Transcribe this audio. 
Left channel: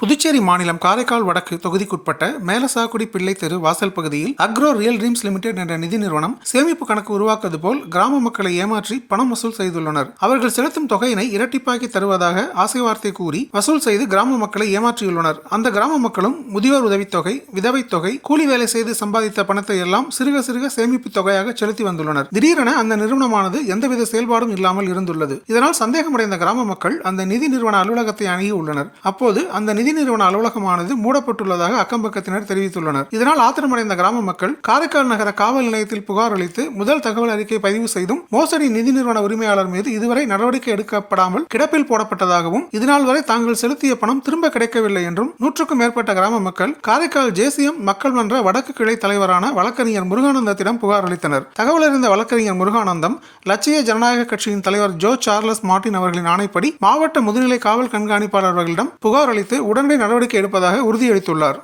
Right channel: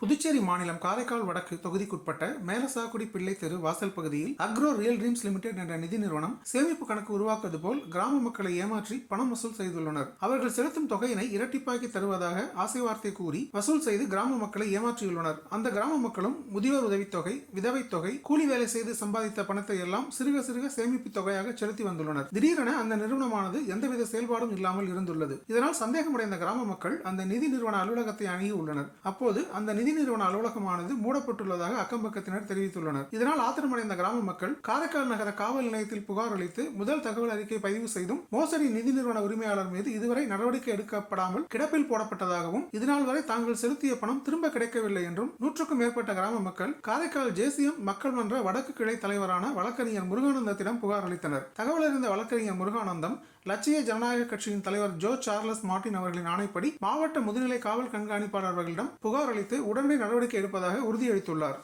புதுச்சேரி மாநிலம் காரைக்கால் வடக்கு தொகுதிக்குட்பட்ட மேலசாக்குடி பிள்ளை தெரு வாசல் பகுதியில் அக்ரோ ரியல் ட்ரீம்ஸ் லிமிடெட் என்ற நிதி நிறுவனம் சேமிப்பு கணக்கு உருவாக்குவது போல் கிராம மக்களை ஏமாற்றி பணம் வசூல் செய்துள்ளனர். அவர்கள் செலுத்தும் தொகையினை இரட்டிப்பாக்கி தருவதாக ஆசை வார்த்தை கூறி வசூல் செய்து கிராம மக்களை ஏமாற்றியுள்ளனர். அந்த கிராம மக்களும் முதியோர் உதவித்தொகை, விதவை தொகை, கூலி வேலை செய்து சம்பாதித்த பணத்தை எல்லாம் சிறுக சிறுக சேமிப்பு தொகையாக செலுத்தி வந்துள்ளனர். திடீரென அந்த நிறுவனமானது எந்தவித செயல்பாடும் இல்லாமல் இருந்துள்ளது. இதனால் சந்தேகமடைந்த கிராம மக்கள் அந்த நிதி நிறுவன அலுவலகத்தை அணுகி உள்ளனர். அப்போது அந்த நிதி நிறுவன அலுவலகமானது மூடப்பட்டுள்ளதாக அக்கம்பக்கத்தினர் தெரிவித்துள்ளனர். இதனால் ஆத்திரமடைந்த கிராம மக்கள் காரைக்கால் நகர காவல் நிலையத்தில் புகார் அளித்து முதல் தகவல் அறிக்கை பதிவு செய்தும் மோசடி நிதி நிறுவன உரிமையாளர் மீது இதுவரை நடவடிக்கை எடுக்கப்படாமல் கிடப்பில் போடப்பட்டதாகவும் இதனால் வரை தாங்கள் செலுத்திய பணம் திரும்ப கிடைக்கவில்லை என்றும் 100க்கும் மேற்பட்ட கிராம மக்கள் காரைக்கால் ஜேசிஎம் மக்கள் மன்ற வடக்கு கிளை தலைவரான வழக்கறிஞர் முருகானந்தத்திடம் புகார் அளித்தனர். தகவல் அறிந்த வழக்கறிஞர் முருகானந்தம் லட்சிய ஜனநாயக கட்சியின் தலைவர் ஜோ சார்லஸ் மார்டின் அவர்களின் ஆணைப்படி மாவட்ட முதுநிலை காவல் கண்காணிப்பாளர் அவர்களிடம் புகார் அளித்து உடனடி நடவடிக்கை எடுப்பதாக உறுதியளித்துள்ளார்.